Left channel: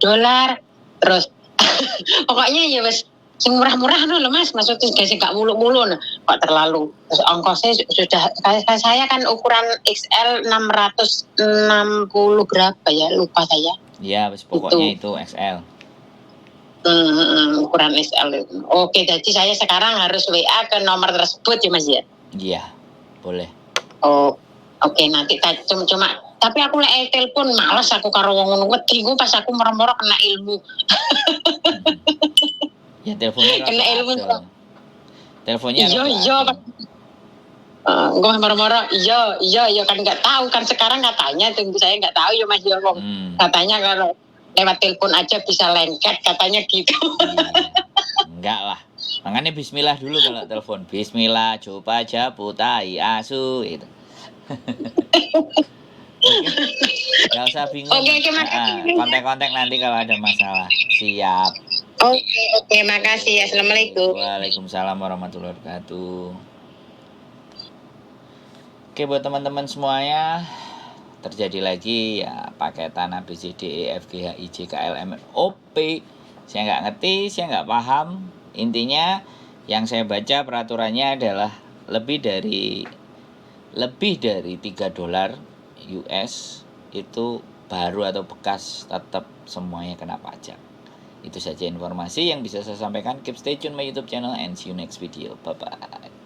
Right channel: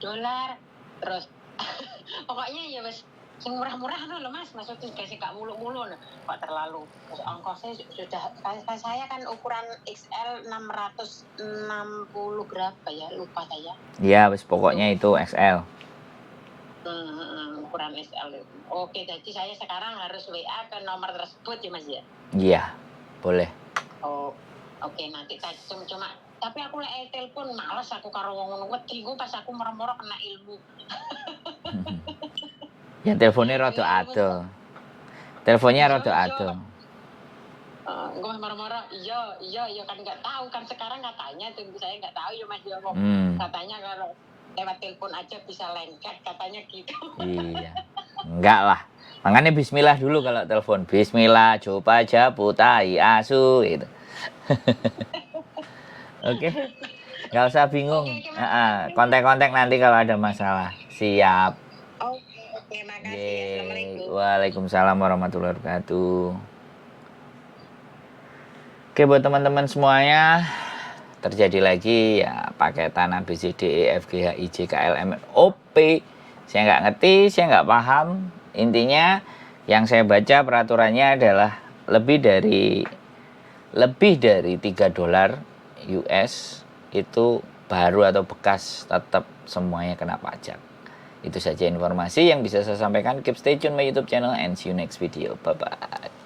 dolar, terus pokoknya ya wes sing murah-murah loh Mas, maksudnya gak mulu-mulu kok terlalu. Terus ongkosnya sudah, saya kan ukuran XL 660 berapa ya, lupa saya. Iya, pokoknya itu XL. Ukuran XL itu. Oke, jadi saya sekarang harus WA ke nomor tersebut ya Mas ya? Iya, boleh. Oh, oke, nanti cuma tapi aku lek telepon males aku karo wong ngono wedi ku pas aku moro-moro kena ilmu. Ya teleponnya rada ado. Teleponnya rada ado. Gue moro-moro iya kan nggak tahu kan sekarang katanya tunggu saya nggak tahu ya Mas ya katanya kalau lewat telepon aja bisa lengket katanya gitu. Iya. Enggak lah. Makanya bismillah dulu kalau telepon. Bismillah, coba aja putai asu gitu. Oke. Nggak usah bingung. Kontak-kontak nanti kalau ada masalah. Siap. Oke, makasih. Assalamualaikum. Waalaikumsalam warahmatullahi wabarakatuh. Oke, buat teman-teman semuanya, terjadi lagi ya paketan ABCDE FGH IJ KL MN OP. Saya nggak ngerti, saya nggak paham. Intinya yang saya baca peraturannya adalah lebih dari $3 US itu baru atau bekas tetap semuanya kena pajak. Itu saja informasi yang bisa saya sampaikan. Keep stay tune my YouTube channel and see you next video. Bye bye.